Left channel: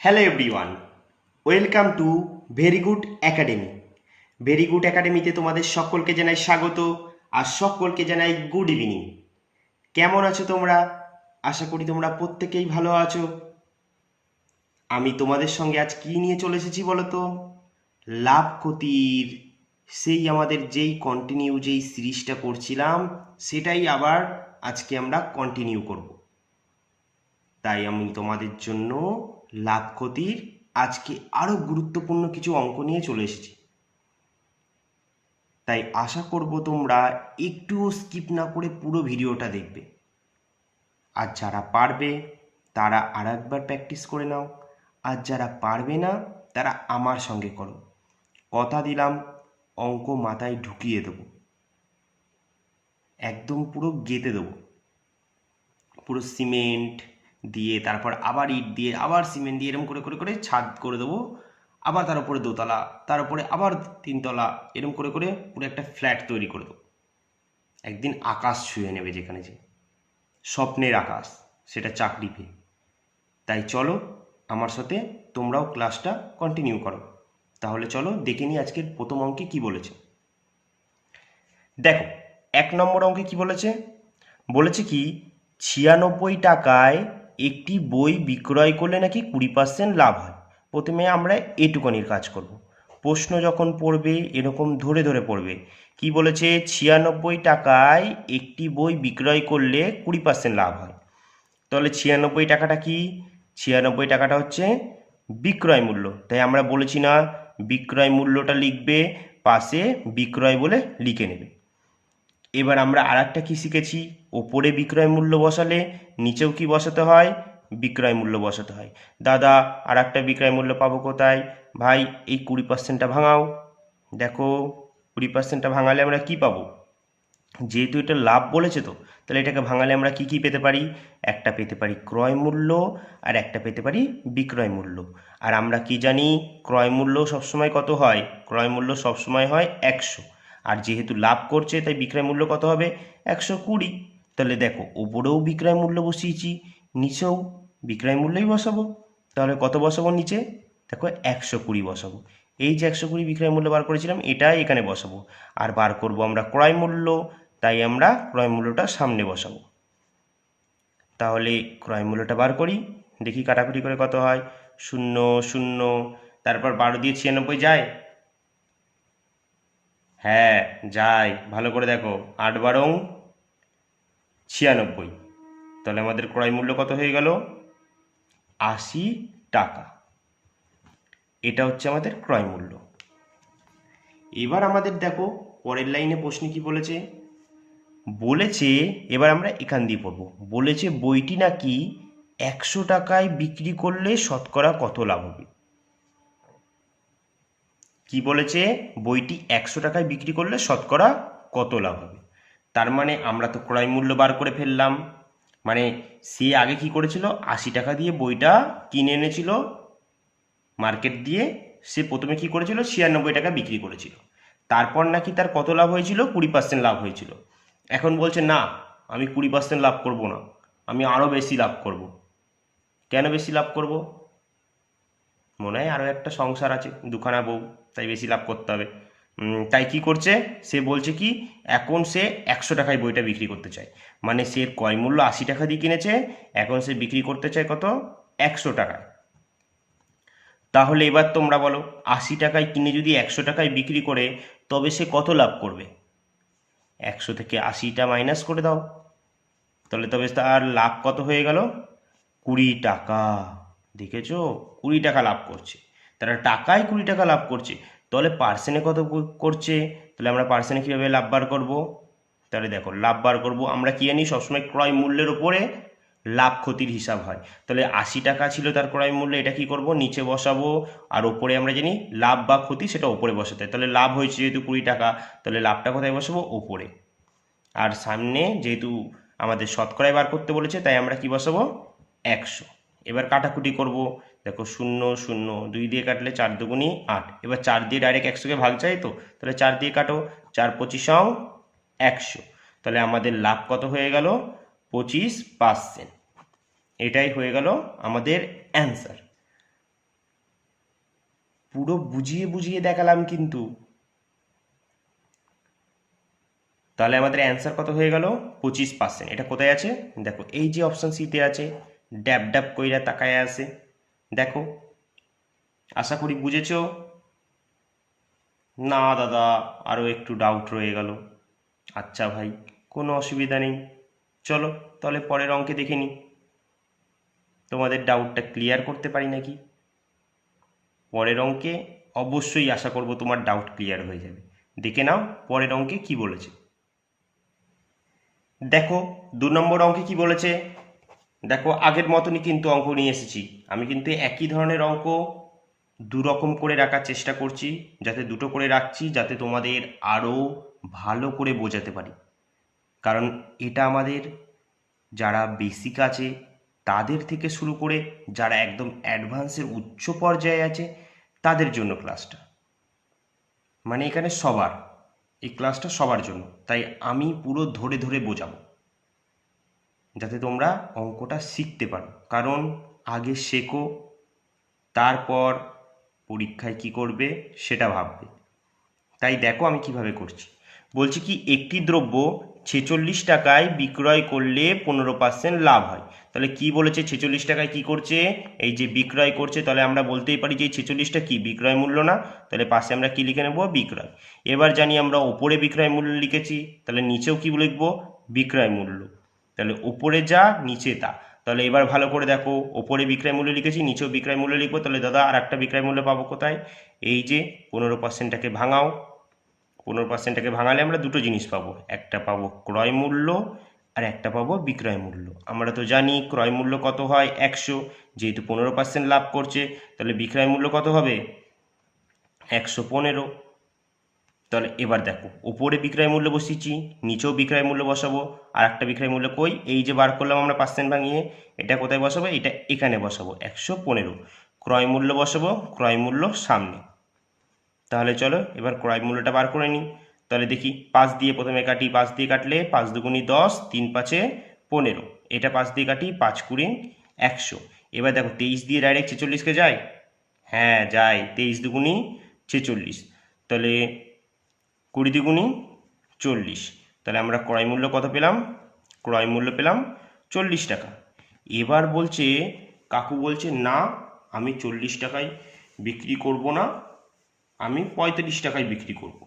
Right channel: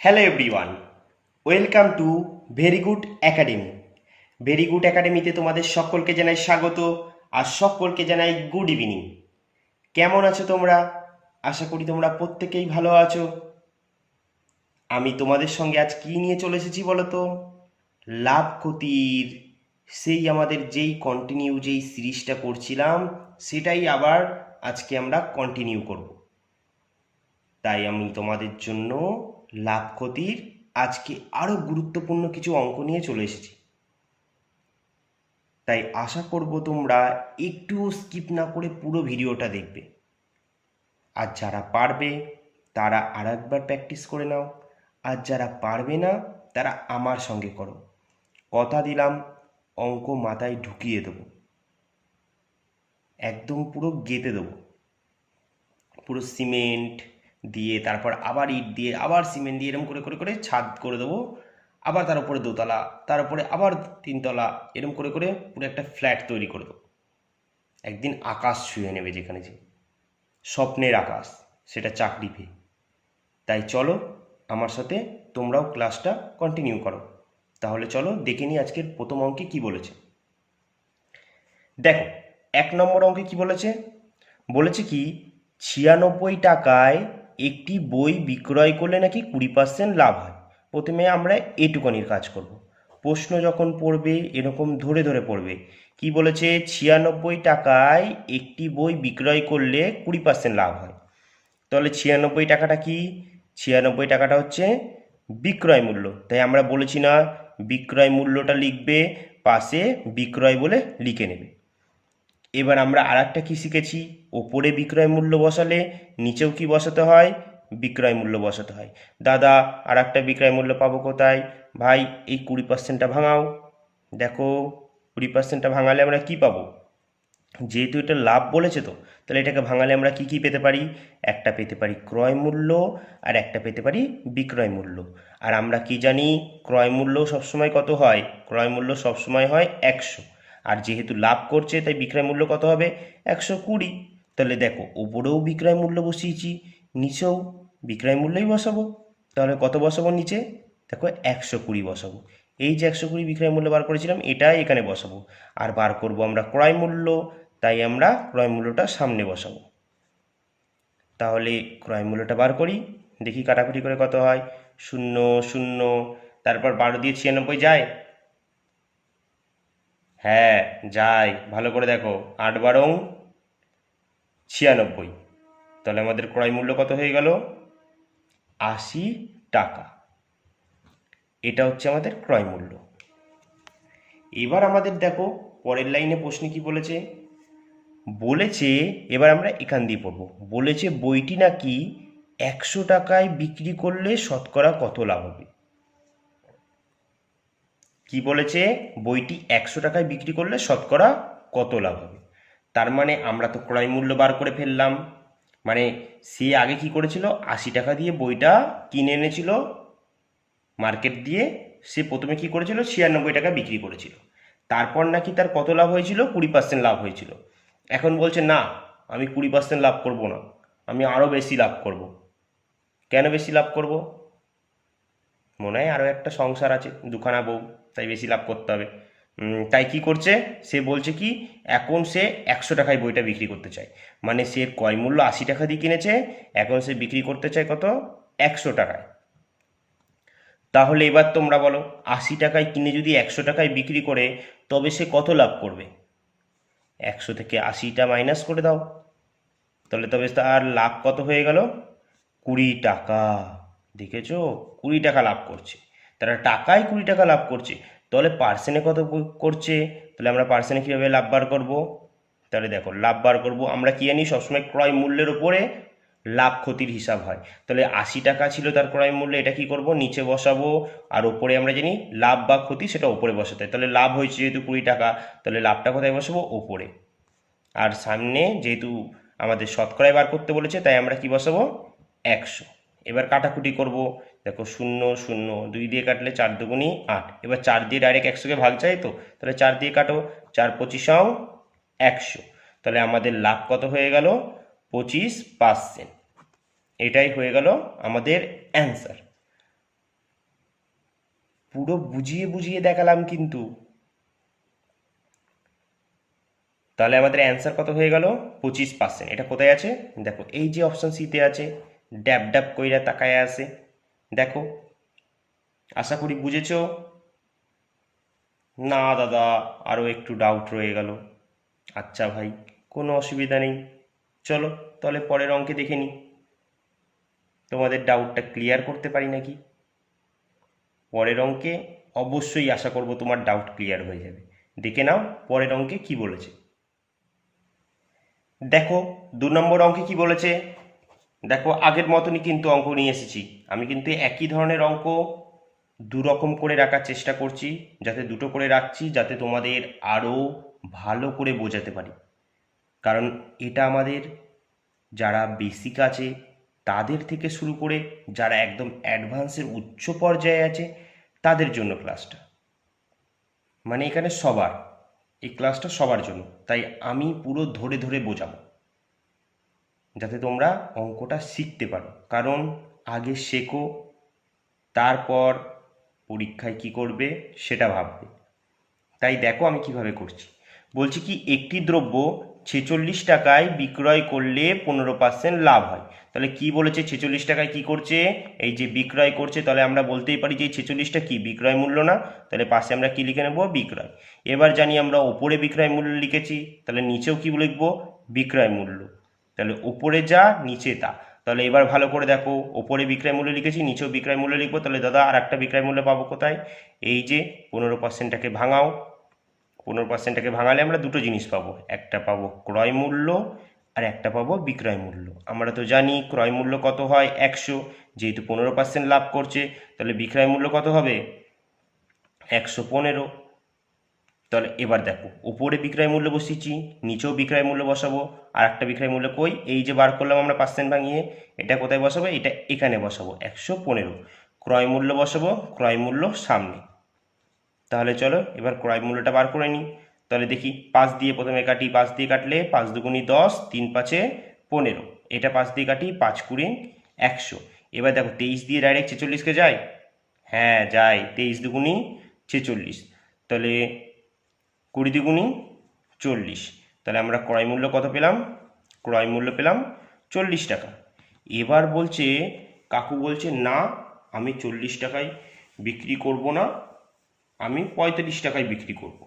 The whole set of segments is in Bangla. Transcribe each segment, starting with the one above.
Hello everyone, welcome to very good academy. Very good একাডেমিতে তোমাদের সকলকে জানাই স্বাগত আর সকলকে জানাই গুড ইভিনিং। কেমন আছো তোমরা? আশা করি তোমরা প্রত্যেকেই ভালো আছো। আমি তোমাদের সঙ্গে আজ কি নিয়ে চলে এসেছি বলো তো? লাভ ক্ষতির সেই আমাদের যেই সিরিজটা করছিলাম সেটাই আবার আজকে আমরা কন্টিনিউ করব। তাই আমি তোমাদের জন্য লাভ ক্ষতির আজকে আরও গুরুত্বপূর্ণ কিছু অঙ্ক নিয়ে চলে এসেছি। তাই আশা করব তোমরা একটুও স্কিপ না করে পুরো ভিডিওটা দেখবে। আর যারা পারবে তারা আর একবার প্র্যাকটিস করে নাও, আর যারা পারবে না তারা আমার সঙ্গে করো। কথা দিলাম অঙ্ক মাথায় ঢুকিয়ে দেবো, একদম পুরো গেঁথে দেবো। পুরো সিমেন্ট দিয়ে, তারপর আবার ইট দিয়ে, আবার সিমেন্ট দিয়ে, এরকম করে করে করে ছাদ করে দেবো। আবার তার উপরে দোতলা, তার উপরে আবার তিনতলা, এরকম করে করে পুরো একটা ফ্ল্যাট তৈরি করে দেবো। একদিন আকাশ ছুঁয়ে নেবে, যেখানে যে স্বপ্নের আকাশ, সেটা চাকরি পেয়ে। তাই চলো আমার সাথে তোমরাও ক্লাসটা কন্টিনিউ করো। তাহলে চলো দেখে নিই আজকের প্রথম অঙ্কে কি বলেছে। দেখো, 1 নম্বর অঙ্কে কি বলেছে? বলেছে কি 96 টাকায় একটি বই বিক্রয় করলে নাকি 20% লাভ হয়। প্রথমে আমরা এটুকানির কাজ করব। প্রশ্ন যখন পড়বে এরকম ধরে ধরে পড়বে। কি বলেছে? 96 টাকায় একটি বই বিক্রয় করলে 20% লাভ হয়। তাহলে 96 টাকাটা কি? 96 টাকাটা হচ্ছে বিক্রয় মূল্য। তাই আমরা বলেছি না বিক্রয় মূল্যটা লিখবে, পাশে বিক্রয় বলে লিখে নেবে। এবার আমরা আর একটা কী শিখেছি? ওপরে বিক্রয় মূল্য বসালে নিচেও কি বসাতে হয়? বিক্রয় মূল্য বসাতে হয়। দাদা, আর একটা বিক্রয় মূল্য পাবো কোথায়? ভাই, এই 20%টা ভাঙাও। দেখো, 20%টা ভাঙালে আমরা কি পাবো? যেহেতু এটা লাভ বলেছে, তো তাহলে এটাকে ভাঙালে আমরা কি কি পেতে পারি? একটা পেতে পারি ক্রয় মূল্য, আর একটা পেতে পারি বিক্রয় মূল্য। আর আমরা কি জানি? ক্রয় মূল্য সবসময় কত হয়? ক্রয় মূল্য সবসময় হয় 100। আর যেহেতু লাভ করছে তাই বিক্রয় মূল্য কত হবে? 120। তাহলে দেখো, উপরেও বিক্রয় মূল্য বসিয়েছি, নিচেও বিক্রয় মূল্যই বসাবো। তাহলে কত বসাবো নিচে? দেখো, 120 বসাবো। এই যে 120 বিক্রয় মূল্য বার করেছিলাম, এটাই এখানে বসাবো। আর বার করব আমরা ক্রয় মূল্য, তাই আমরা ক্রয় মূল্যটা সামনে বসাবো। তাহলে ক্রয় মূল্যটা বার করি, দেখি কাটাকুটি করে কত হয়। 0 0, তারপর 12 দিয়ে 96 যায়? হ্যাঁ যায়, ভালো করে দেখো। 8 বারং 96। তাহলে আমাদের ক্রয় মূল্য কত হয়ে গেল? 80 টাকা। এটা হচ্ছে আমাদের ক্রয় মূল্য। এবার আমাদের দেখো পরের লাইনে প্রশ্নে কি বলেছে। বলেছে, এবার আমরা এখান দিয়ে পড়ব। বলেছে বইটি নাকি 100 টাকায় বিক্রি করলে শতকরা কত লাভ হবে? কি বলেছে? বইটি 100 টাকায় বিক্রি করলে শতকরা কত লাভ হবে। তার মানে আমরা তো ক্রয় মূল্য বার করে ফেললাম। মানে সে আগে কি করেছিল? 80 টাকা দিয়ে বইটা কিনে এনেছিল মার্কেট দিয়ে। সে প্রথমে কি করেছিল? 96 টাকা বিক্রি করেছিল। তারপর নাকি তার কত লাভ হয়েছিল? 20% লাভ হয়েছিল। এখন বলছে না, আমি 20% লাভ করব না, আমি আরও বেশি লাভ করব। কেন বেশি লাভ করব? মনে হয় আরও একটা সংসার আছে, দুখানা বউ, তাই বেশি লাভ করতে হবে। তাই কি করছে? সে বলছে কি এখন সে 100 টাকায় বইটা বিক্রি করতে চায়। মানে সে ক্রয় মূল্য 80 টাকা দিয়ে কিনেছে, এখন সে বিক্রি করতে চায় কত? 100 টাকায়। তাহলে এবার তোমরা বলো, 80 টাকায় কিনে যদি 100 টাকায় বিক্রি করে, তবে সে কত লাভ করবে? 100 থেকে 80টা মাইনাস করে দাও, তাহলে তবে তার লাভ কত হয়ে গেল? 20 টাকা। দেখেছো, 20 টাকা লাভ করছে। তারা টাকায় 20 টাকা লাভ করছে। তাহলে পার্সেন্টে কত করছে? তাহলে আমরা পার্সেন্টে কীভাবে লাভ বার করবো? তাহলে দেখো, লাভ বার করবো আমরা কি জানি? সবসময় ক্রয় মূল্যের উপরে লাভ ক্ষতির হিসাব হয়। তাহলে 80 টাকা ছিল তার ক্রয় মূল্য, এটা কি করব? নিচে বসাবো। আর ওপরে আমরা জানি লাভ বা ক্ষতি সেটা ওপরে বসাতে হয়। তাহলে লাভ হয়েছে যেহেতু 20 টাকা, তাহলে লাভটা কোথায় বসাবো? ওপরে। আর সামনে যেহেতু আমাদের শতকরায় বার করতে বলেছে, তাই আমরা কি বসাবো? 100। এবার কাটাকুটি করব। দেখো, 0 0, 2 দিয়ে কাটলে 4 দুগুণি 8। এবার 4 দিয়ে ডাইরেক্ট 100কে ভাগ চাই, তো তাহলে 4 দিয়ে কাটো, 4 25 100। তাহলে আমাদের লাভ কত হয়ে গেল? 25%। এটাই হয়ে গেল আমাদের অ্যান্সার। পুরো বুঝিয়ে বুঝিয়ে দেখালাম কিন্তু। তাহলে আমাদের অ্যান্সার কত হয়ে গেল? 25%। এটা কোথায় আছে দেখো, এই যে অপশন সিতে আছে, ড্যাব ড্যাব কইরা তাকায় আছে। দেখো, আশা করি বুঝেছো। না দাদা, আরও একটু ডাউট রয়ে গেল। আচ্ছা ভাই, কোনো অসুবিধা নেই, চলো তাহলে পরের অঙ্কে দেখে নিই তোমাদের ডাউটটা ক্লিয়ার করতে পারি নাকি। পরের অঙ্কে অবশ্যই আশা করব তোমার ডাউট ক্লিয়ার হয়ে যাবে। দেখে নাও পরের অঙ্কে কি বলেছে। দেখো 2 নম্বর অঙ্কে কি বলেছে। দেখো আগের মতনই কিন্তু অঙ্ক নিয়ে এসেছি। আমি কিন্তু একই ধরনের অঙ্ক দুরকম করে রাখার চেষ্টা করছি, যাতে দুটো করে রাখছি, যাতে তোমাদের আরও ভালো করে বোঝাতে পারি। কারণ এটা আমাদের যারা বেসিক আছে তাদের থেকে শুরু করে যারা একদম অ্যাডভান্সে উচ্চ পর্যায়ে আছে তাদের জন্য ক্লাসটা, মানে এখানে সবার, এই ক্লাসটা সবার জন্য। তাই আমি পুরো ধরে ধরে বোঝাবো, যাতে তোমরা অঙ্কটা শিখতে পারো। কারণ আগে শেখো, তারপর পরীক্ষায় কি করবে সেটা ভাববে। তাই দেখো আমি কিভাবে করছি। বলছি কি, একটি দ্রব্য 46 টাকায় বিক্রয় করলে 15% লাভ হয়। তাহলে কি বলেছে, 46 টাকায় কি করছে, এই যে বিক্রয় করছে, তাহলে আমরা বলতেই পারি যে 46টা কি বিক্রয় মূল্য না। তাহলে পাশে আমরা কি লিখে নেব, বিক্রয়। এবার জানি আমরা ওপরে বিক্রয় মূল্য লিখেছি, তাহলে নিচেও কি লিখব, বিক্রয় মূল্য। তাহলে ওপরে যা নিচে তা। তাহলে এবার ভালো করে দেখো, ওপরে বিক্রয় মূল্য লিখেছি, নিচেও বিক্রয় মূল্য লিখবো। তাহলে দাদা আর একটা বিক্রয় মূল্য পাবো কোথায়, এই যে 15%টাকে ভাঙাও। 15%টাকে ভাঙালে আমরা দুটো জিনিস পাবো, একটা পাবো ক্রয় মূল্য আর একটা পাবো বিক্রয় মূল্য। আমরা তো জানি ক্রয় মূল্য কত হয় 100, যেহেতু 15% লাভ করছে তাহলে বিক্রয় মূল্য কত হবে 115। তাহলে এবার দেখো, উপরে বিক্রয় মূল্য বসিয়েছি, নিচেও বিক্রয় মূল্য বসাবো। আর একটা বিক্রয় মূল্য কই, এই যে বার করলাম আমরা পার্সেন্ট ভাঙিয়ে, এটা কোথায় বসাবো, এটা এখানে বসাবো 115। ক্রয় মূল্য বসাবো, ক্রয় মূল্য সামনে। তাহলে চলো এবার ক্রয় মূল্যটা বার করে নিই। তাহলে দেখি 5 দিয়ে প্রথমে কাটি, 5 দিয়ে কাটলে 5 দুগুণি 10, 3 5 15। এটা 5 দিয়ে কাটি, 5 কুড়ি 100। এবার দেখো 23 দিয়ে ডাইরেক্ট 46কে যায়, হ্যাঁ যায়, 23 দুগুণি 46। তাহলে 20 দুগুণি 40। তাহলে আমরা ক্রয় মূল্য কত পেলাম, ক্রয় মূল্য পেলাম 40 টাকা। এবার বলছে, কাকু বলছে না আমি 40 টাকায় বিক্রি করব না, আমি 35 টাকায় বিক্রি করব।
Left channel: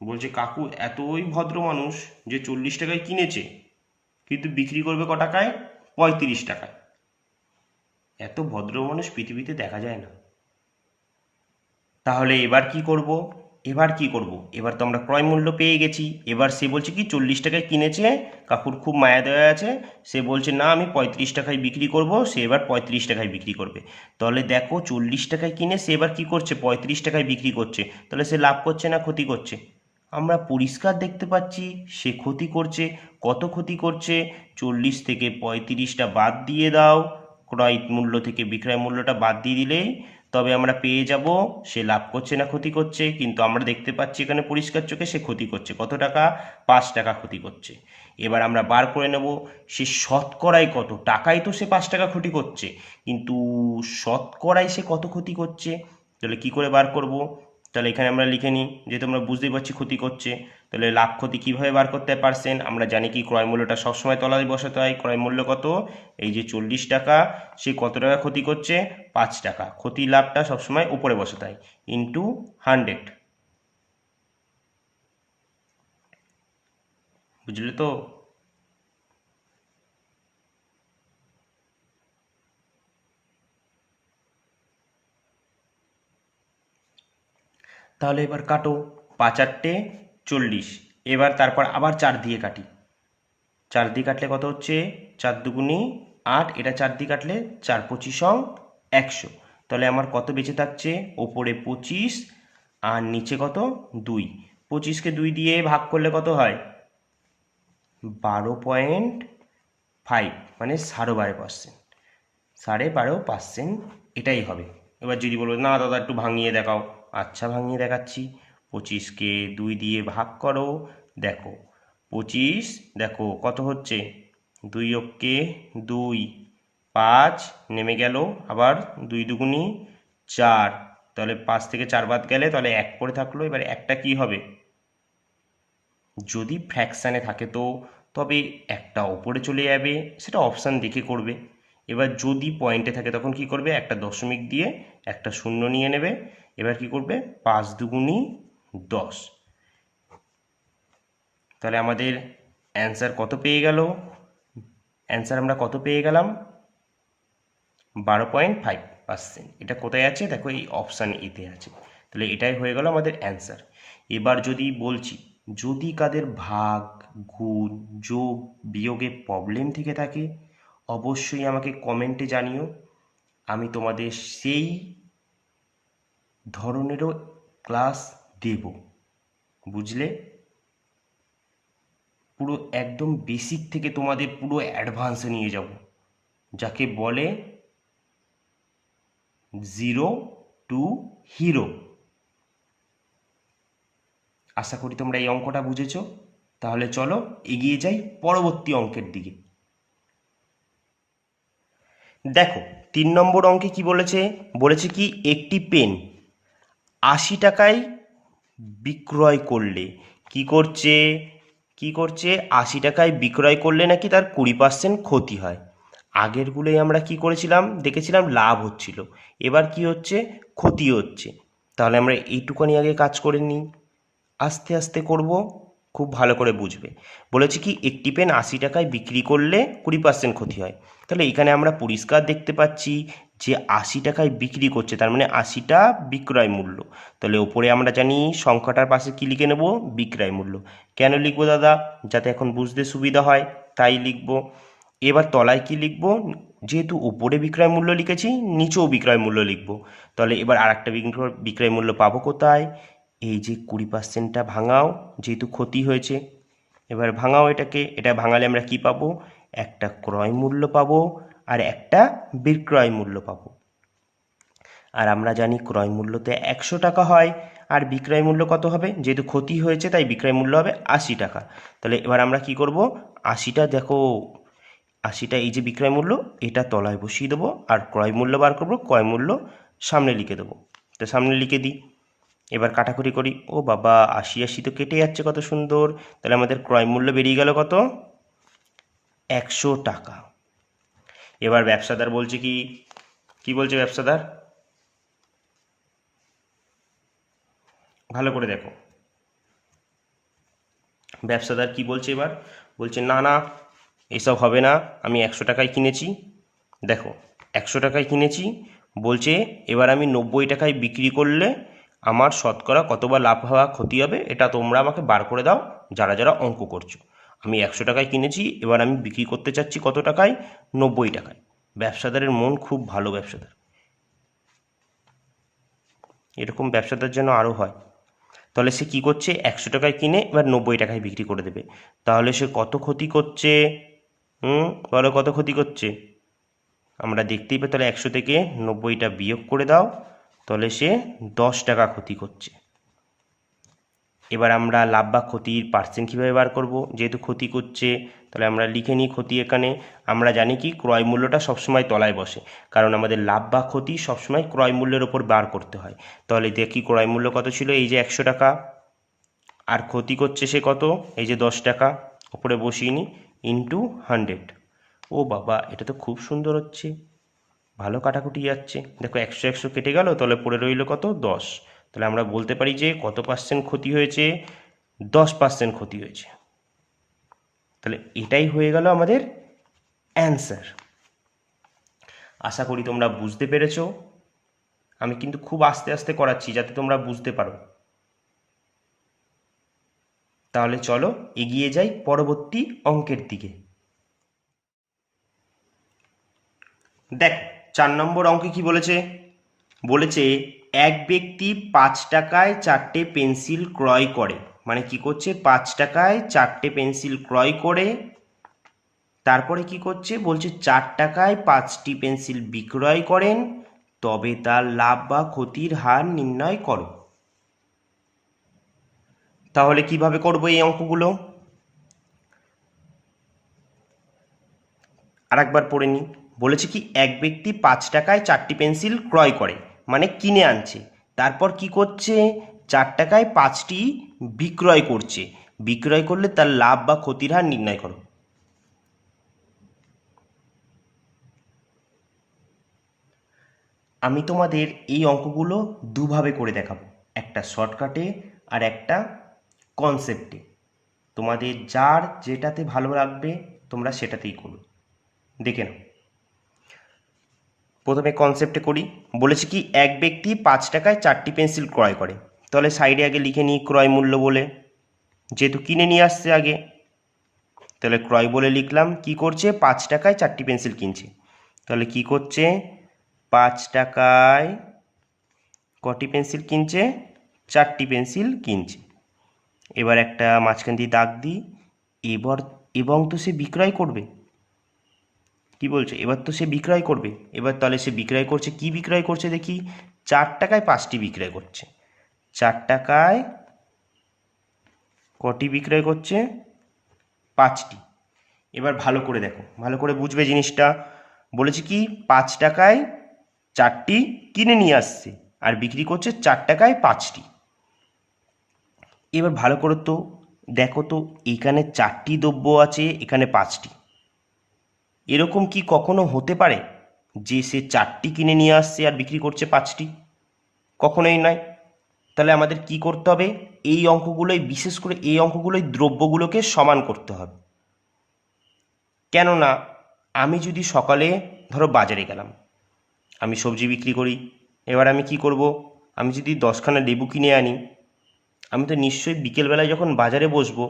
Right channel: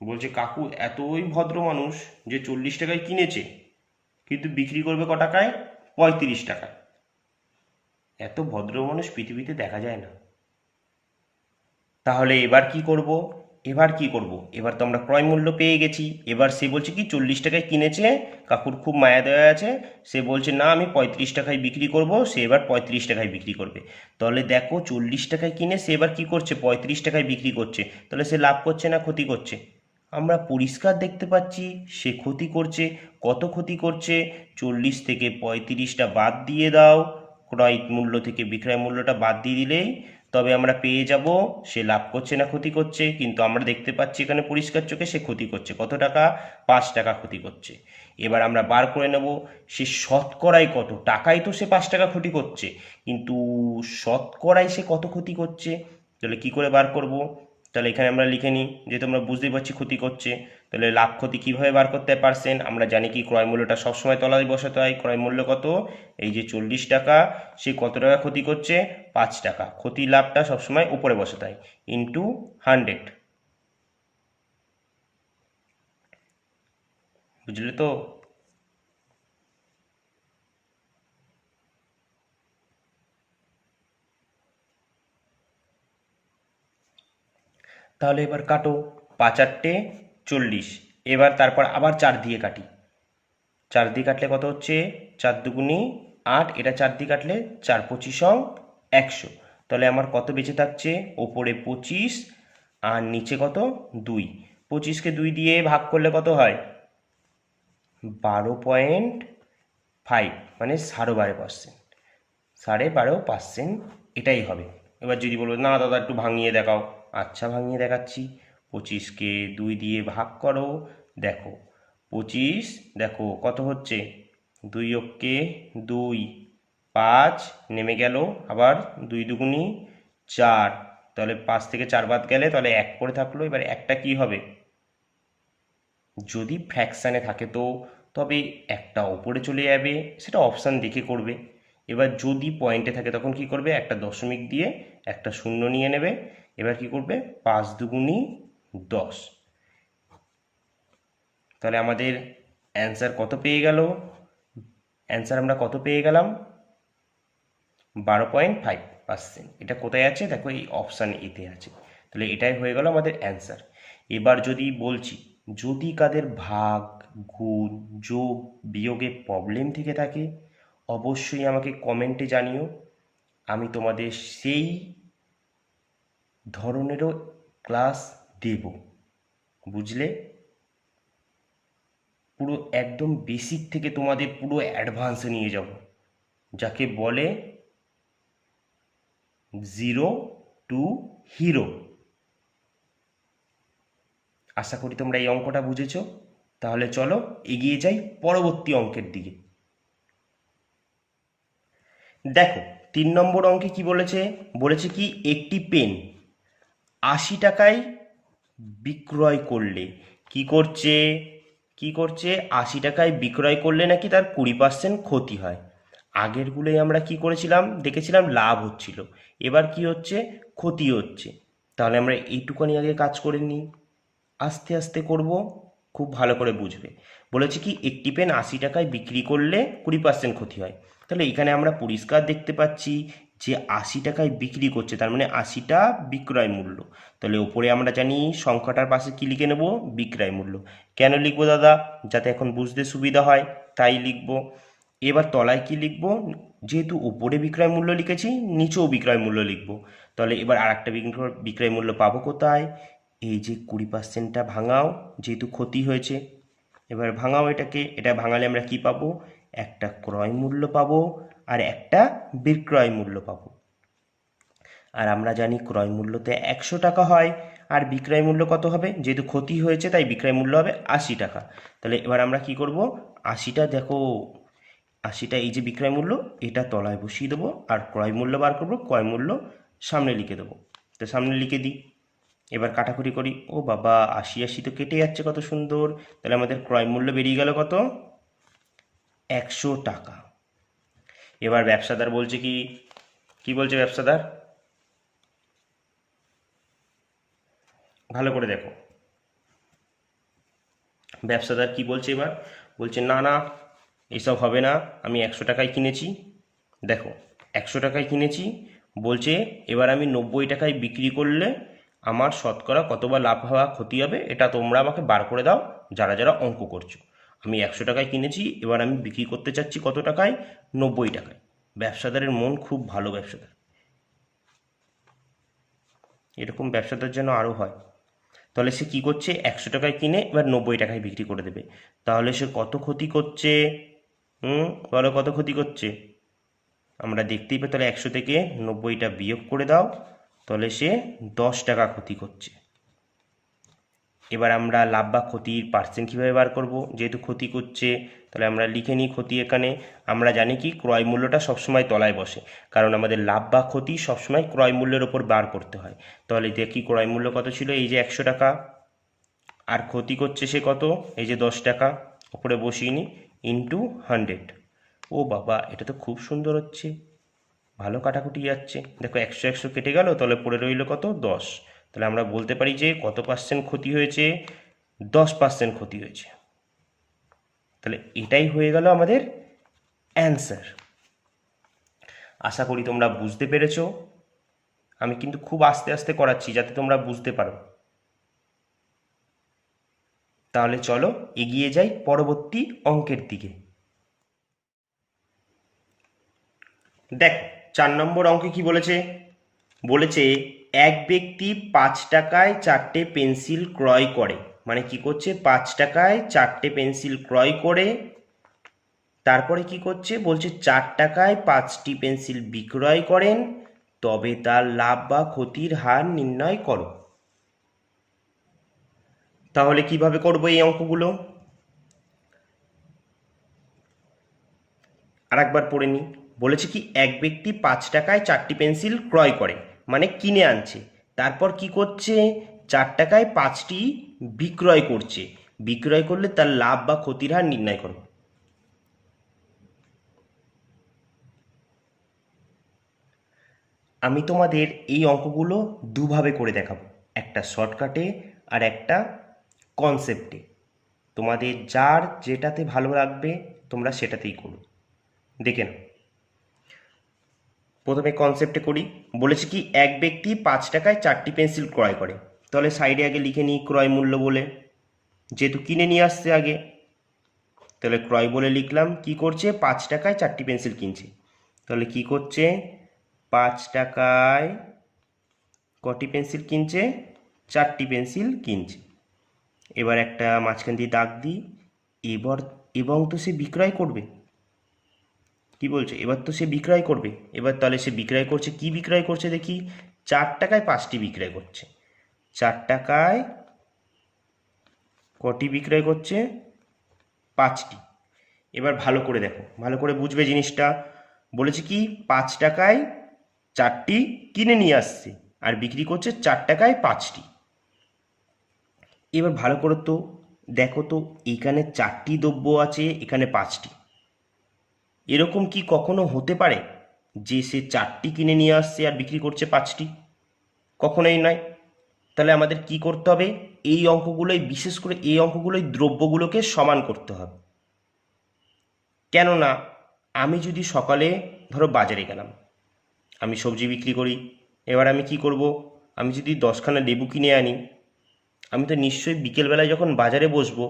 বলছে কাকু এতই ভদ্র মানুষ যে 40 টাকায় কিনেছে কিন্তু বিক্রি করবে ক টাকায়, 35 টাকায়। এত ভদ্র মানুষ পৃথিবীতে দেখা যায় না। তাহলে এবার কি করব, এবার কি করব, এবার তো আমরা ক্রয় মূল্য পেয়ে গেছি। এবার সে বলছে কি 40 টাকায় কিনেছে, কাকুর খুব মায়া দেওয়া আছে, সে বলছে না আমি 35 টাকায় বিক্রি করব, সে এবার 35 টাকায় বিক্রি করবে। তাহলে দেখো 40 টাকায় কিনে সে এবার কি করছে, 35 টাকায় বিক্রি করছে। তাহলে সে লাভ করছে না ক্ষতি করছে, আমরা পরিষ্কার দেখতে পাচ্ছি সে ক্ষতি করছে। কত ক্ষতি করছে, 40 থেকে 35টা বাদ দিয়ে দাও, ক্রয় মূল্য থেকে বিক্রয় মূল্যটা বাদ দিয়ে দিলেই তবে আমরা পেয়ে যাব সে লাভ করছে না ক্ষতি করছে। কিন্তু আমরা দেখতে পাচ্ছি এখানে পরিষ্কার চোখে সে ক্ষতি করছে। কত টাকা, 5 টাকা ক্ষতি করছে। এবার আমরা বার করে নেব সে শতকরায় কত টাকায়, তো সে 5 টাকা ক্ষতি করছে, কিন্তু শতকরায় সে কত ক্ষতি করছে। তাহলে কি করে বার করব, তাহলে এখানে আমরা লিখে নিই, যেহেতু আমরা বুঝতেই পারছি ক্ষতি করছে। তাহলে লাভ ক্ষতি কিভাবে বার করতে হয়, পার্সেন্ট। আমরা জানি কি ক্রয় মূল্যটা সবসময় তলায় বসাতে হয়। ক্রয় মূল্য কত, এই যে 40 টাকা, সে কত টাকা ক্ষতি করছে, 5 টাকা। ক্ষতি লাভটা সবসময় উপরে বসাতে হয়, ইন্টু 100। বুঝলে তো। তাহলে এবার কাটো, 5 8 40। এবার তারপর আবার 4 দিয়ে কাটি, 4 দিয়ে কাটলে কত হচ্ছে, 4 দুগুণি 8, এটা 4 দিয়ে কাটলে 4 25 100। তাহলে আমার কত বেঁচে থাকছে, ওপরে 25 আর নিচে কত 2। 25কে 2 দিয়ে ভাগ করলে কত হয়, 12.5, মানে 12.5%, 12.5%, এটাই হবে। এবার যদি বলো না দাদা একটু ভাঙিয়ে দেখাও, আচ্ছা ভাঙিয়ে দেখাচ্ছি। 25কে 2 দিয়ে ভাগ করো, দেখো 25, দেখো কত হচ্ছে, 2 অক্ষে 2, 5 নেমে গেল, আবার 2 দুগুণি 4, তাহলে 5 থেকে 4 বাদ গেলে তাহলে 1 পড়ে থাকলো। এবার একটা কি হবে, যদি ফ্র্যাকশানে থাকে তো তবে একটা ওপরে চলে যাবে, সেটা অপশান দেখে করবে। এবার যদি পয়েন্টে থাকে তখন কি করবে, একটা দশমিক দিয়ে একটা শূন্য নিয়ে নেবে। এবার কি করবে, 5 দুগুণী 10। তাহলে আমাদের অ্যান্সার কত পেয়ে গেল, অ্যান্সার আমরা কত পেয়ে গেলাম, 12.5%। এটা কোথায় আছে দেখো, এই অপশান এতে আছে। তাহলে এটাই হয়ে গেল আমাদের অ্যান্সার। এবার যদি বলছি, যদি কাদের ভাগ, গুণ, যোগ, বিয়োগের প্রবলেম থেকে থাকে অবশ্যই আমাকে কমেন্টে জানিও। আমি তোমাদের সেই ধরনেরও ক্লাস দেব, বুঝলে। পুরো একদম বেসিক থেকে তোমাদের পুরো অ্যাডভান্সে নিয়ে যাব, যাকে বলে 0 টু হিরো। আশা করি তোমরা এই অঙ্কটা বুঝেছো। তাহলে চলো এগিয়ে যাই পরবর্তী অঙ্কের দিকে। দেখো 3 নম্বর অঙ্কে কি বলেছে, বলেছে কি একটি পেন 80 টাকায় বিক্রয় করলে কি করছে 80 টাকায় বিক্রয় করলে নাকি তার 20% ক্ষতি হয়। আগেরগুলোই আমরা কি করেছিলাম, দেখেছিলাম লাভ হচ্ছিল, এবার কি হচ্ছে, ক্ষতি হচ্ছে। তাহলে আমরা এইটুকুনি আগে কাজ করে নিই, আস্তে আস্তে করব, খুব ভালো করে বুঝবে। বলেছে কি একটি পেন 80 টাকায় বিক্রি করলে 20% ক্ষতি হয়। তাহলে এখানে আমরা পরিষ্কার দেখতে পাচ্ছি যে 80 টাকায় বিক্রি করছে, তার মানে 80টা বিক্রয় মূল্য। তাহলে ওপরে আমরা জানি সংখ্যাটার পাশে কি লিখে নেব, বিক্রয় মূল্য। কেন লিখবো দাদা, যাতে এখন বুঝতে সুবিধা হয় তাই লিখবো। এবার তলায় কি লিখবো, যেহেতু উপরে বিক্রয় মূল্য লিখেছি নিচেও বিক্রয় মূল্য লিখবো। তাহলে এবার আর একটা বিক্রয় মূল্য পাবো কোথায়, এই যে 20%টা ভাঙাও, যেহেতু ক্ষতি হয়েছে। এবার ভাঙাও এটাকে, এটা ভাঙালে আমরা কি পাবো, একটা ক্রয় মূল্য পাবো আর একটা বিক্রয় মূল্য পাবো। আর আমরা জানি ক্রয় মূল্যতে 100 টাকা হয়, আর বিক্রয় মূল্য কত হবে, যেহেতু ক্ষতি হয়েছে তাই বিক্রয় মূল্য হবে 80 টাকা। তাহলে এবার আমরা কি করব, 80টা দেখো, 80টা এই যে বিক্রয় মূল্য এটা তলায় বসিয়ে দেবো, আর ক্রয় মূল্য বার করবো, ক্রয় মূল্য সামনে লিখে দেবো। তো সামনে লিখে দিই, এবার কাটাকুটি করি, ও বাবা 80 80 তো কেটে যাচ্ছে, কত সুন্দর। তাহলে আমাদের ক্রয় মূল্য বেরিয়ে গেল কত, 100 টাকা। এবার ব্যবসাদার বলছে কি, কি বলছে ব্যবসাদার, ভালো করে দেখো ব্যবসাদার কি বলছে। এবার বলছে না না, এসব হবে না, আমি 100 টাকায় কিনেছি। দেখো 100 টাকায় কিনেছি, বলছে এবার আমি 90 টাকায় বিক্রি করলে আমার শতকরা কতবার লাভ হওয়া ক্ষতি হবে, এটা তোমরা আমাকে বার করে দাও যারা যারা অঙ্ক করছো। আমি 100 টাকায় কিনেছি, এবার আমি বিক্রি করতে চাচ্ছি কত টাকায়, 90 টাকায়। ব্যবসাদারের মন খুব ভালো, ব্যবসাদার, এরকম ব্যবসাদার যেন আরও হয়। তাহলে সে কি করছে, 100 টাকায় কিনে এবার 90 টাকায় বিক্রি করে দেবে। তাহলে সে কত ক্ষতি করছে, বলো কত ক্ষতি করছে, আমরা দেখতেই পাই। তাহলে 100 থেকে 90টা বিয়োগ করে দাও, তাহলে সে 10 টাকা ক্ষতি করছে। এবার আমরা লাভ বা ক্ষতির পার্সেন্ট কীভাবে বার করব, যেহেতু ক্ষতি করছে তাহলে আমরা লিখে নিই ক্ষতি। এখানে আমরা জানি কি ক্রয় মূল্যটা সবসময় তলায় বসে, কারণ আমাদের লাভ বা ক্ষতি সবসময় ক্রয় মূল্যের ওপর বার করতে হয়। তাহলে দেখি ক্রয় মূল্য কত ছিল, এই যে 100 টাকা, আর ক্ষতি করছে সে কত, এই যে 10 টাকা, ওপরে বসিয়ে নিই, ইন্টু 100। ও বাবা, এটা তো খুব সুন্দর হচ্ছে, ভালো কাটাকুটি যাচ্ছে। দেখো 100 100 কেটে গেল, তাহলে পড়ে রইল কত, 10। তাহলে আমরা বলতে পারি যে কত পার্সেন্ট ক্ষতি হয়েছে, 10% ক্ষতি হয়েছে। তাহলে এটাই হয়ে গেল আমাদের অ্যান্সার। আশা করি তোমরা বুঝতে পেরেছো। আমি কিন্তু খুব আস্তে আস্তে করাচ্ছি যাতে তোমরা বুঝতে পারো। তাহলে চলো এগিয়ে যাই পরবর্তী অঙ্কের দিকে। দেখ 4 নম্বর অঙ্কে কি বলেছে, বলেছে এক ব্যক্তি 5 টাকায় 4টে পেন্সিল ক্রয় করে, মানে কি করছে, 5 টাকায় 4টে পেন্সিল ক্রয় করে, তারপরে কি করছে, বলছে 4 টাকায় 5টি পেন্সিল বিক্রয় করেন, তবে তার লাভ বা ক্ষতির হার নির্ণয় করো। তাহলে কিভাবে করবো এই অঙ্কগুলো, আরেকবার পড়ে নিই। বলেছে কি এক ব্যক্তি 5 টাকায় 4টি পেন্সিল ক্রয় করে, মানে কিনে আনছে, তারপর কি করছে, 4 টাকায় 5টি বিক্রয় করছে। বিক্রয় করলে তার লাভ বা ক্ষতির হার নির্ণয় করো। আমি তোমাদের এই অঙ্কগুলো দুভাবে করে দেখাবো, একটা শর্টকাটে আর একটা কনসেপ্টে। তোমাদের যার যেটাতে ভালো লাগবে তোমরা সেটাতেই করো। দেখে নাও, প্রথমে কনসেপ্টে করি। বলেছে কি, এক ব্যক্তি 5 টাকায় 4টি পেন্সিল ক্রয় করে। তাহলে সাইডে আগে লিখে নিই ক্রয় মূল্য বলে, যেহেতু কিনে নিয়ে আসছে আগে, তাহলে ক্রয় বলে লিখলাম। কি করছে, 5 টাকায় 4টি পেন্সিল কিনছে। তাহলে কি করছে, 5 টাকায় কটি পেন্সিল কিনছে, 4টি পেন্সিল কিনছে। এবার একটা মাঝখান দিয়ে দাগ দিই। এবার এবং তো সে বিক্রয় করবে, কি বলছে, এবার তো সে বিক্রয় করবে। এবার তাহলে সে বিক্রয় করছে, কি বিক্রয় করছে দেখি, 4 টাকায় 5টি বিক্রয় করছে। 4 টাকায় কটি বিক্রয় করছে, 5টি। এবার ভালো করে দেখো, ভালো করে বুঝবে জিনিসটা। বলেছে কি, 5 টাকায় 4টি কিনে নিয়ে আসছে আর বিক্রি করছে 4 টাকায় 5টি। এবার ভালো করে তো দেখো তো, এখানে 4টি দ্রব্য আছে, এখানে 5টি। এরকম কি কখনো হতে পারে যে সে 4টি কিনে নিয়ে আসছে আর বিক্রি করছে 5টি? কখনোই নয়। তাহলে আমাদের কি করতে হবে, এই অঙ্কগুলোই, বিশেষ করে এই অঙ্কগুলোই দ্রব্যগুলোকে সমান করতে হবে। কেননা আমি যদি সকালে ধরো বাজারে গেলাম, আমি সবজি বিক্রি করি, এবার আমি কি করব, আমি যদি 10খানা লেবু কিনে আনি, আমি তো নিশ্চয়ই বিকেলবেলায় যখন বাজারে বসবো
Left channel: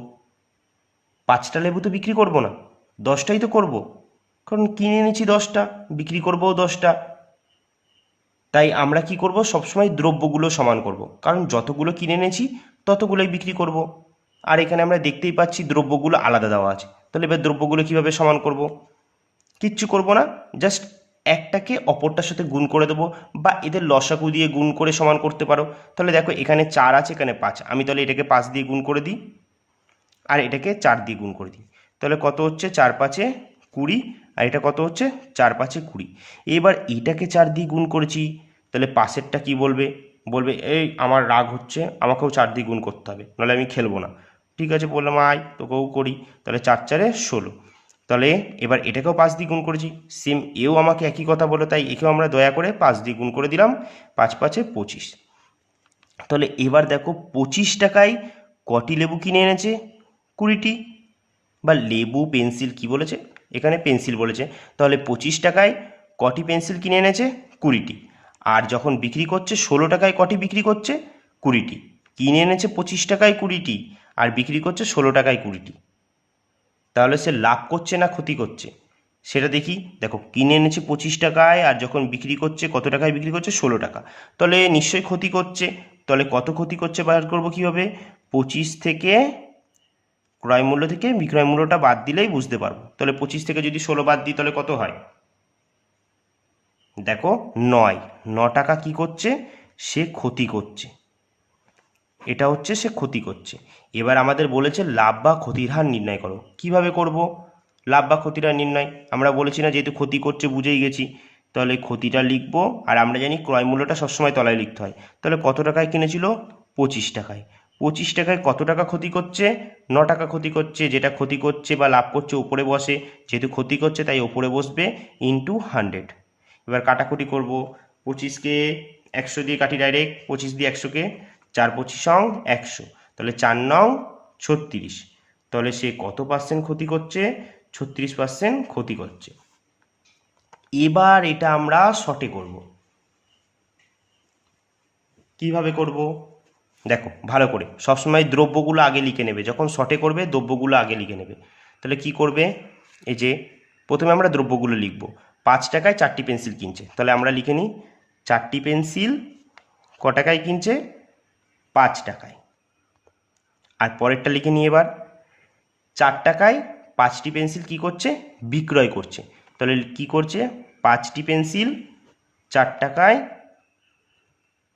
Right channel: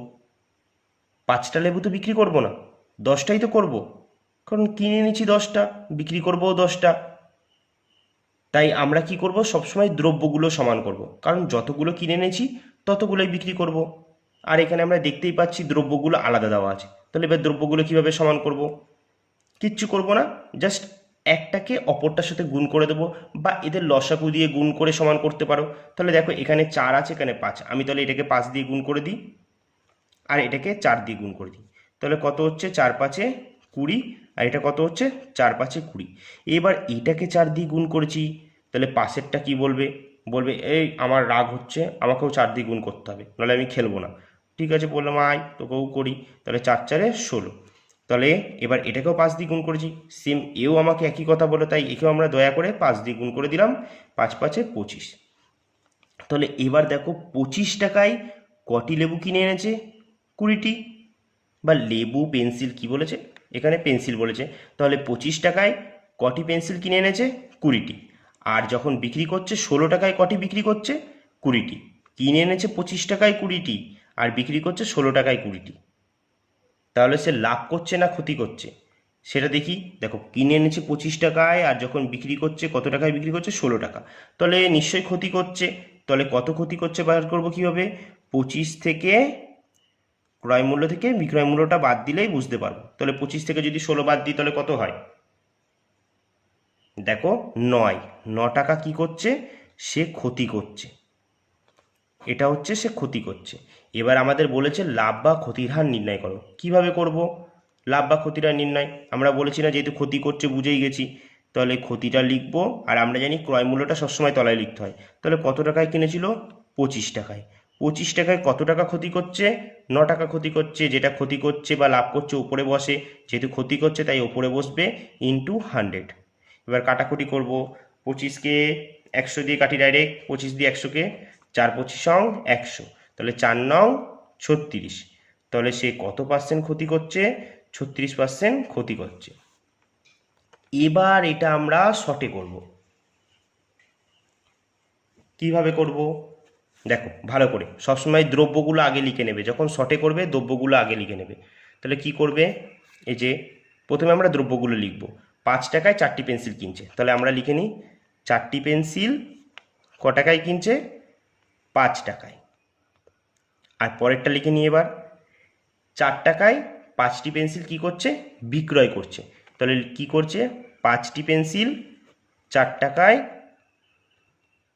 5টা লেবু তো বিক্রি করব না, 10টাই তো করব, কারণ কিনে নিয়েছি 10টা, বিক্রি করবও 10টা। তাই আমরা কি করব, সবসময় দ্রব্যগুলো সমান করব, কারণ যতগুলো কিনে এনেছি ততগুলোই বিক্রি করব। আর এখানে আমরা দেখতেই পাচ্ছি দ্রব্যগুলো আলাদা দেওয়া আছে। তাহলে এবার দ্রব্যগুলো কিভাবে সমান করব, কিচ্ছু করব না, জাস্ট একটাকে অপরটার সাথে গুণ করে দেবো, বা এদের লসাগু দিয়ে গুণ করে সমান করতে পারো। তাহলে দেখো এখানে 4 আছে, এখানে 5, আমি তাহলে এটাকে 5 দিয়ে গুণ করে দিই আর এটাকে 4 দিয়ে গুণ করে দিই। তাহলে কত হচ্ছে, 4×5 = 20, আর এটা কত হচ্ছে, 4×5 = 20। এবার এটাকে 4 দিয়ে গুণ করেছি, তাহলে পাশেরটা কি বলবে, বলবে এই আমার রাগ হচ্ছে, আমাকেও 4 দিয়ে গুণ করতে হবে, নাহলে আমি খেলবো না। ঠিক আছে, বললাম আয় তোকেও করি। তাহলে 4×4 = 16। তাহলে এবার এটাকেও 5 দিয়ে গুণ করেছি, সেম এও আমাকে একই কথা বলো, তাই একেও আমরা দয়া করে 5 দিয়ে গুণ করে দিলাম। 5×5 = 25। তাহলে এবার দেখো 25 টাকায় কটি লেবু কিনে এনেছে, 20টি। বা লেবু পেন্সিল কি বলেছে, এখানে পেন্সিল বলেছে, তাহলে 25 টাকায় কটি পেন্সিল কিনে এনেছে, 20টি। আর যখন বিক্রি করছে 16 টাকায় কটি বিক্রি করছে, 20টি। কিনে এনেছে 25 টাকায় 20টি আর বিক্রি করছে 16 টাকায় 20টি। তাহলে সে লাভ করছে না ক্ষতি করছে সেটা দেখি। দেখো কিনে এনেছে 25 টাকায় আর যখন বিক্রি করছে কত টাকায় বিক্রি করছে, 16 টাকা। তাহলে নিশ্চয়ই ক্ষতি করছে। তাহলে কত ক্ষতি করছে বার করবো কীভাবে, 25 থেকে ক্রয় মূল্য থেকে বিক্রয় মূল্যটা বাদ দিলেই বুঝতে পারবো। তাহলে 25 থেকে যদি 16 বাদ দিই তাহলে কত হয়, দেখো 9। 9 টাকা কি করছে, সে ক্ষতি করছে। এটা হচ্ছে সে ক্ষতি করছে। এবার আমাদের বলেছে লাভ বা ক্ষতির হার নির্ণয় করো। কিভাবে করব লাভ বা ক্ষতির হার নির্ণয়, আমরা বলেছি না, যেহেতু ক্ষতি করছে বুঝেই গেছি। তাহলে ক্ষতিটা লিখবো, আর আমরা জানি ক্রয় মূল্যটা সবসময় তলায় লিখতে হয়। তাহলে কত টাকায় কিনেছিল, 25 টাকায়। 25 টাকায় কত টাকা ক্ষতি করছে, 9 টাকা ক্ষতি করছে। যেটা ক্ষতি করছে বা লাভ করছে উপরে বসে, যেহেতু ক্ষতি করছে তাই উপরে বসবে, ইন্টু 100। এবার কাটাকুটি করব, 25কে 100 দিয়ে কাটি ডাইরেক্ট, 25 দিয়ে 100কে, 4×25 = 100। তাহলে 4×9 = 36। তাহলে সে কত পার্সেন্ট ক্ষতি করছে, 36% ক্ষতি করছে। এবার এটা আমরা শর্টে করব। কিভাবে করব, দেখো ভালো করে সবসময় দ্রব্যগুলো আগে লিখে নেবে, যখন শর্টে করবে দ্রব্যগুলো আগে লিখে নেবে। তাহলে কি করবে, এই যে প্রথমে আমরা দ্রব্যগুলো লিখব। 5 টাকায় 4টি পেন্সিল কিনছে, তাহলে আমরা লিখে নিই 4টি পেন্সিল ক টাকায় কিনছে, 5 টাকায়। আর পরেরটা লিখে নিই এবার, 4 টাকায় 5টি পেন্সিল কি করছে, বিক্রয় করছে। তাহলে কি করছে, 5টি পেন্সিল 4 টাকায়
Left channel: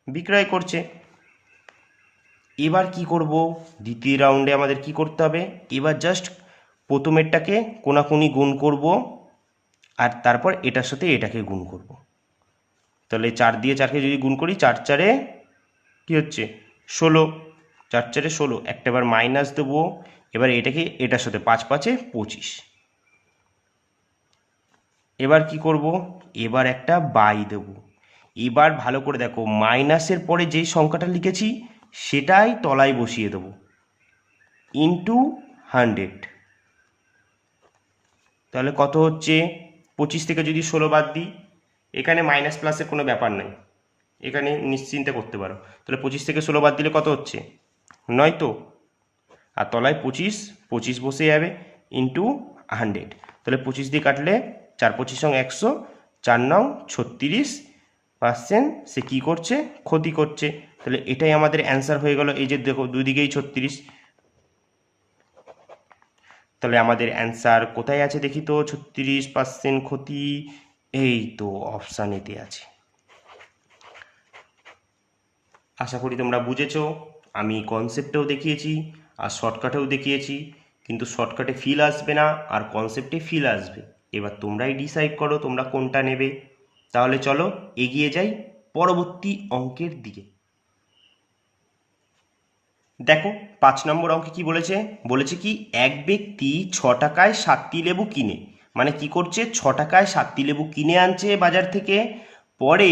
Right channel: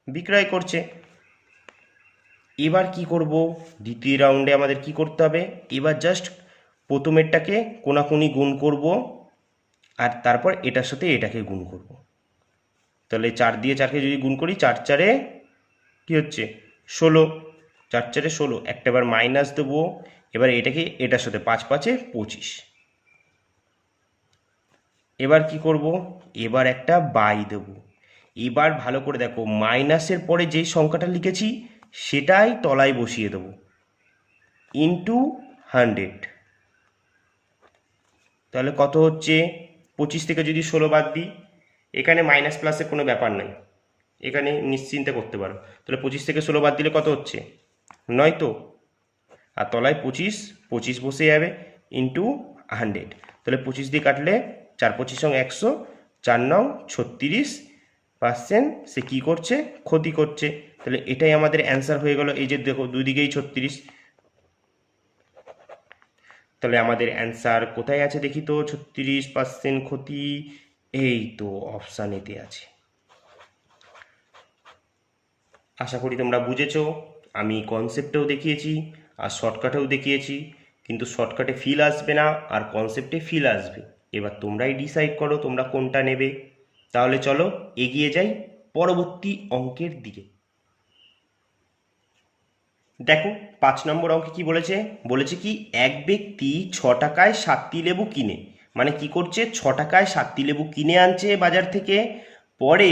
বিক্রয় করছে। এবার কি করব, দ্বিতীয় রাউন্ডে আমাদের কি করতে হবে, এবার জাস্ট প্রথমেরটাকে কোনাকুনি গুণ করব আর তারপর এটার সাথে এটাকে গুণ করব। তাহলে 4 দিয়ে 4কে যদি গুণ করি, 4 4-এ কি হচ্ছে 16, 4 4-এ 16, একটা বার মাইনাস দেবো। এবার এটাকে এটার সাথে 5 5-এ 25। এবার কি করব, এবার একটা বাই দেব। এবার ভালো করে দেখো, মাইনাসের পরে যেই সংখ্যাটা লিখেছি সেটাই তলায় বসিয়ে দেবো, ইন্টু 100। তাহলে কত হচ্ছে, 25 থেকে যদি 16 বাদ দিই, এখানে মাইনাস প্লাসের কোনো ব্যাপার নাই, এখানে নিশ্চিন্তে করতে পারো। তাহলে 25 থেকে 16 বাদ দিলে কত হচ্ছে, 9 তো, আর তলায় 25, 25 বসে যাবে, ইন্টু 100। তাহলে 25 দিয়ে কাটলে 4 25 100, 4 9 36% সে কী করছে, ক্ষতি করছে। তাহলে এটাই আমাদের অ্যান্সার হয়ে গেল। এই যে দেখো দুদিকেই 36, তাহলে আমাদের অ্যান্সার কোথায় আছে দেখি তো, 36% ক্ষতি, এই তো অপশান এতে আছে। আশা করি তোমরা বুঝেছো। আমি কনসেপ্টেও দেখিয়েছি আর শর্টকাটেও দেখিয়েছি, কিন্তু শর্টকাটে ফিল আসবে না আর কনসেপ্টে ফিল আসবে। এবার তোমরাই ডিসাইড করো তোমরা কোনটা নেবে। তাহলে চলো এগিয়ে যাই পরবর্তী অঙ্কের দিকে। দেখো 5 নম্বর অঙ্কে কি বলেছে, বলেছে কি এক ব্যক্তি 6 টাকায় 7টি লেবু কিনে, মানে কি করছে, 6 টাকায় 7টি লেবু কিনে আনছে বাজার থেকে, পরে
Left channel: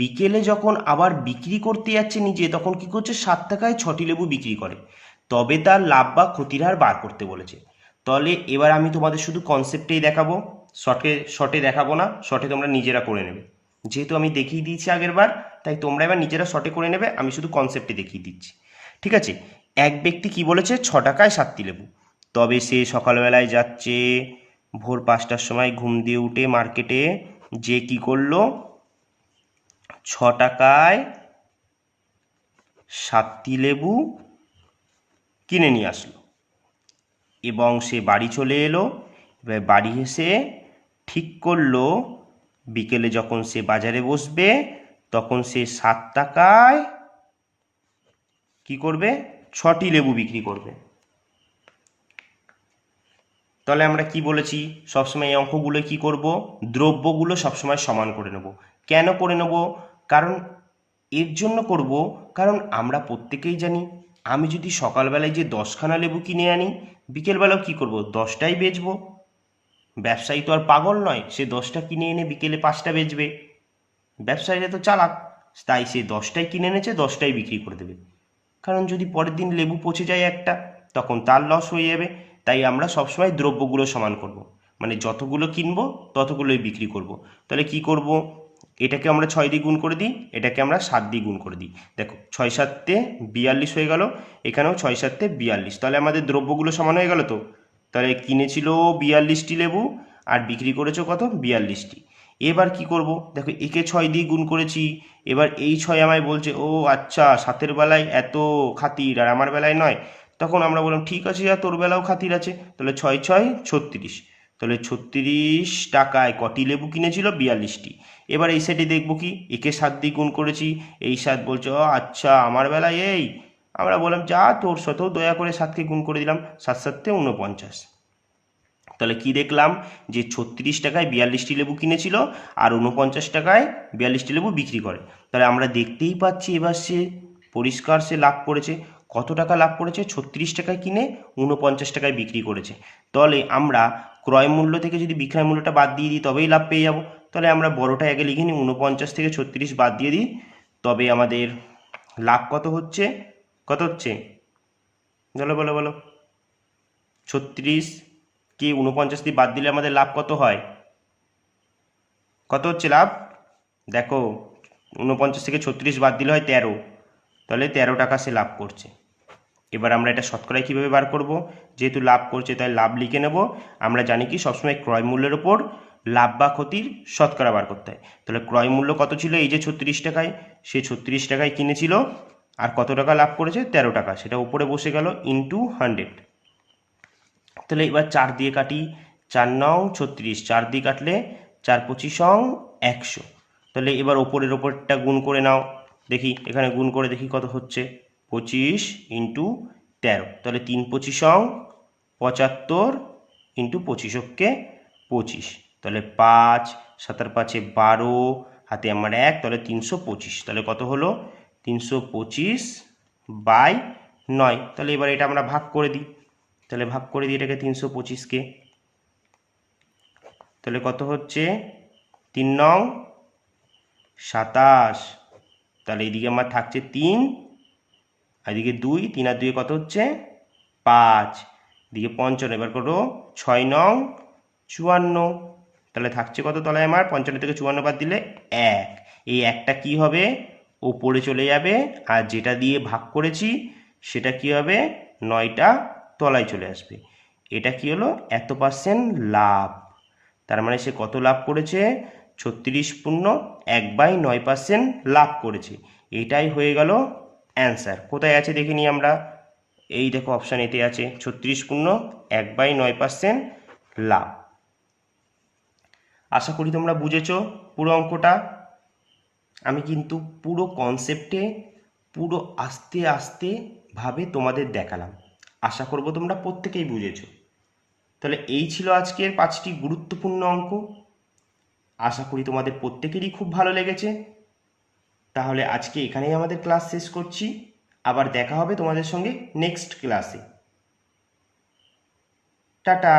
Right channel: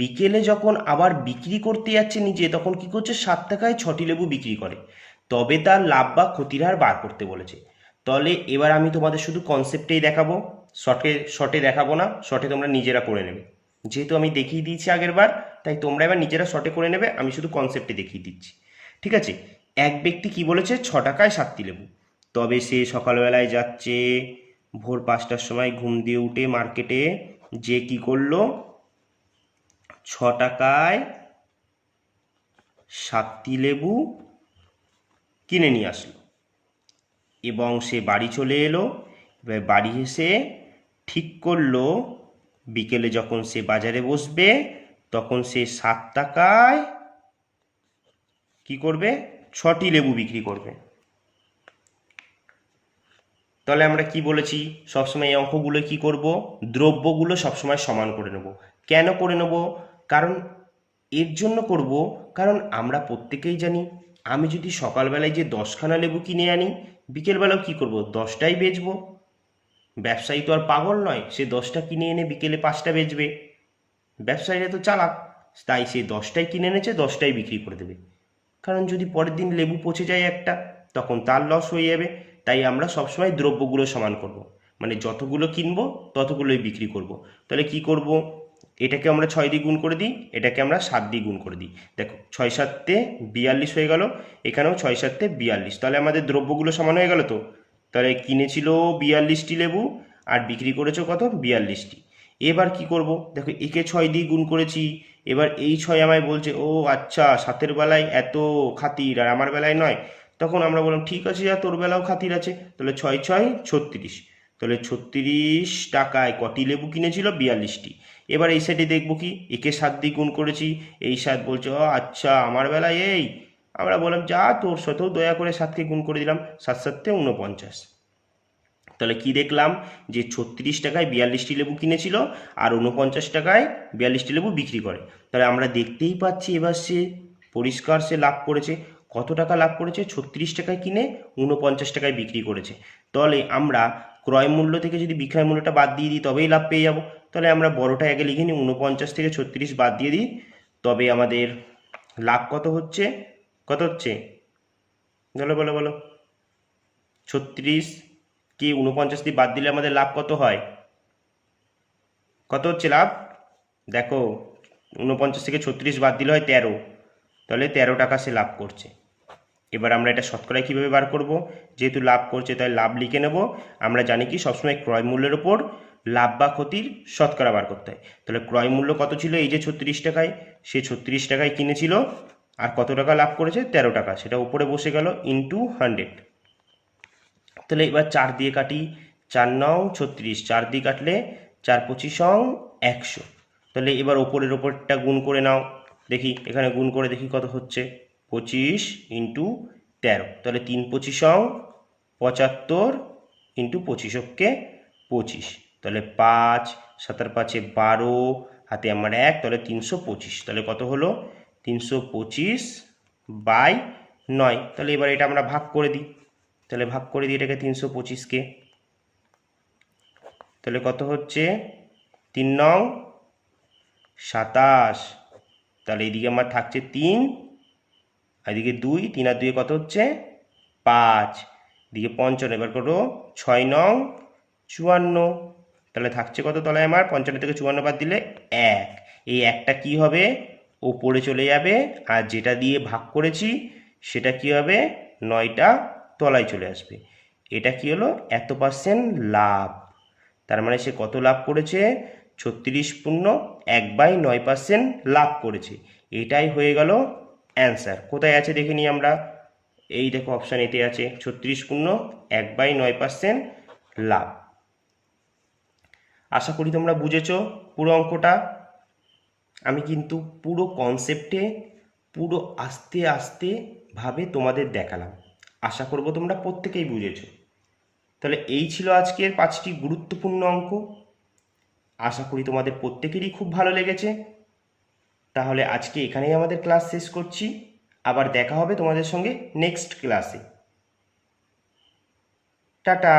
বিকেলে যখন আবার বিক্রি করতে যাচ্ছে নিজে, তখন কি করছে 7 টাকায় 6টি লেবু বিক্রি করে, তবে তার লাভ বা ক্ষতির হার বার করতে বলেছে। তাহলে এবার আমি তোমাদের শুধু কনসেপ্টেই দেখাবো, শর্টে দেখাবো না, শর্টে তোমরা নিজেরা করে নেবে। যেহেতু আমি দেখিয়ে দিয়েছি আগের বার, তাই তোমরা এবার নিজেরা শর্টে করে নেবে, আমি শুধু কনসেপ্টে দেখিয়ে দিচ্ছি। ঠিক আছে, এক ব্যক্তি কি বলেছে, 6 টাকায় 7টি লেবু, তবে সে সকালবেলায় যাচ্ছে ভোর 5টার সময় ঘুম দিয়ে উঠে মার্কেটে, যে কি করলো 6 টাকায় 7টি লেবু কিনে নিয়ে আসলো এবং সে বাড়ি চলে এলো। এবার বাড়ি এসে ঠিক করলো বিকেলে যখন সে বাজারে বসবে, তখন সে 7 টাকায় কি করবে, 6টি লেবু বিক্রি করবে। তাহলে আমরা কি বলেছি, সবসময় এই অঙ্কগুলো কি করব, দ্রব্যগুলো সবসময় সমান করে নেব। কেন করে নেব, কারণ এর জন্য করব, কারণ আমরা প্রত্যেকেই জানি, আমি যদি সকালবেলায় যে 10খানা লেবু কিনে আনি, বিকেলবেলাও কি করব, 10টাই বেচবো। ব্যবসায়ী তো আর পাগল নয়, সে 10টা কিনে এনে বিকেলে 5টা বেচবে। ব্যবসায়ীরা তো চালাক, তাই সে 10টাই কিনে এনেছে, 10টাই বিক্রি করে দেবে। কারণ যদি পরের দিন লেবু পচে যায় একটা, তখন তার লস হয়ে যাবে। তাই আমরা সবসময় দ্রব্যগুলো সমান করব, মানে যতগুলো কিনবো ততগুলোই বিক্রি করব। তাহলে কি করব, এটাকে আমরা 6 দিয়ে গুণ করে দিই, এটাকে আমরা 7 দিয়ে গুণ করে দিই। দেখো 6 7-এ 42 হয়ে গেল, এখানেও 6 7-এ 42। তাহলে আমাদের দ্রব্যগুলো সমান হয়ে গেল তো। তাহলে কিনেছিল 42টি লেবু আর বিক্রি করেছো কত, 42টি। এবার কি করব, দেখো একে 6 দিয়ে গুণ করেছি, এবার এই 6 আমায় বলছে ও আচ্ছা 7-এর বেলায় এত খাতির আর আমার বেলায় নয়। তখন আমরা বললাম ঠিক আছে যা, তোর বেলাও খাতির আছে। তাহলে 6 6 36, তাহলে 36 টাকায় কটি লেবু কিনেছিল, 42টি। এবার এই সাইডে দেখবো কি, একে 7 দিয়ে গুণ করেছি, এই 7 বলছে ও আচ্ছা আমার বেলায় এই। আমরা বললাম যা, তোর সাথেও দয়া করে 7কে গুণ করে দিলাম, 7 7-এ 49। তাহলে কি দেখলাম, যে 36 টাকায় 42টি লেবু কিনেছিল আর 49 টাকায় 42টি লেবু বিক্রি করে। তাহলে আমরা দেখতেই পাচ্ছি এবার সে পরিষ্কার সে লাভ করেছে। কত টাকা লাভ করেছে, 36 টাকায় কিনে 49 টাকায় বিক্রি করেছে। তাহলে আমরা ক্রয় মূল্য থেকে যদি বিক্রয় মূল্যটা বাদ দিয়ে দিই, তবেই লাভ পেয়ে যাব। তাহলে আমরা বড়টা আগে লিখে নিই, 49 থেকে 36 বাদ দিয়ে দিই, তবে আমাদের লাভ কত হচ্ছে, কত হচ্ছে, বলো বলো বলো, 36 কি 49 দিয়ে বাদ দিলে আমাদের লাভ কত হয়, কত হচ্ছে লাভ, দেখো 49 থেকে 36 বাদ দিলে হয় 13, তাহলে 13 টাকা সে লাভ করছে। এবার আমরা এটা শতকরায় কীভাবে বার করব, যেহেতু লাভ করছে তাই লাভ লিখে নেব। আমরা জানি কি সবসময় ক্রয় মূল্যের ওপর লাভ বা ক্ষতির শতকরা বার করতে হয়। তাহলে ক্রয় মূল্য কত ছিল, এই যে 36 টাকায়, সে 36 টাকায় কিনেছিল আর কত টাকা লাভ করেছে, 13 টাকা, সেটা উপরে বসে গেল ইন্টু 100। তাহলে এবার 4 দিয়ে কাটি, 4 9 36, 4 দিয়ে কাটলে 4 25 100। তাহলে এবার ওপরের ওপরটা গুণ করে নাও, দেখি এখানে গুণ করে দেখি কত হচ্ছে, 25 ইন্টু 13। তাহলে 3 25 75 ইন্টু 25 কে 25। তাহলে 5 7 5-এ 12 হাতে আমার 1, তাহলে 325। তাহলে কত হলো? 325/9। তাহলে এবার এটা আমরা ভাগ করে দিই। তাহলে ভাগ করে দিই এটাকে 325কে। তাহলে কত হচ্ছে? 3 নং 27। তাহলে এইদিকে আমার থাকছে 3, আর এদিকে 2, 3 আর 2 কত হচ্ছে? 5। এদিকে 55, এবার করো 6 নং 54। তাহলে থাকছে কত তলায় আমার? 55 থেকে 54 বাদ দিলে 1। এই একটা কি হবে? ওপরে চলে যাবে, আর যেটা দিয়ে ভাগ করেছি সেটা কি হবে? 9টা তলায় চলে আসবে। এটা কি হলো? এত পার্সেন্ট লাভ। তার মানে সে কত লাভ করেছে? 36.1/9% লাভ করেছে। এটাই হয়ে গেল অ্যান্সার। কোথায় আছে দেখে নিই আমরা। এই দেখো অপশান এতে আছে 36.1/9% লাভ। আশা করি তোমরা বুঝেছো পুরো অঙ্কটা। আমি কিন্তু পুরো কনসেপ্টে পুরো আস্তে আস্তে ভাবে তোমাদের দেখালাম। আশা করব তোমরা প্রত্যেকেই বুঝেছো। তাহলে এই ছিল আজকের 5টি গুরুত্বপূর্ণ অঙ্ক। আশা করি তোমাদের প্রত্যেকেরই খুব ভালো লেগেছে। তাহলে আজকে এখানেই আমাদের ক্লাস শেষ করছি। আবার দেখা হবে তোমাদের সঙ্গে নেক্সট ক্লাসে। টাটা।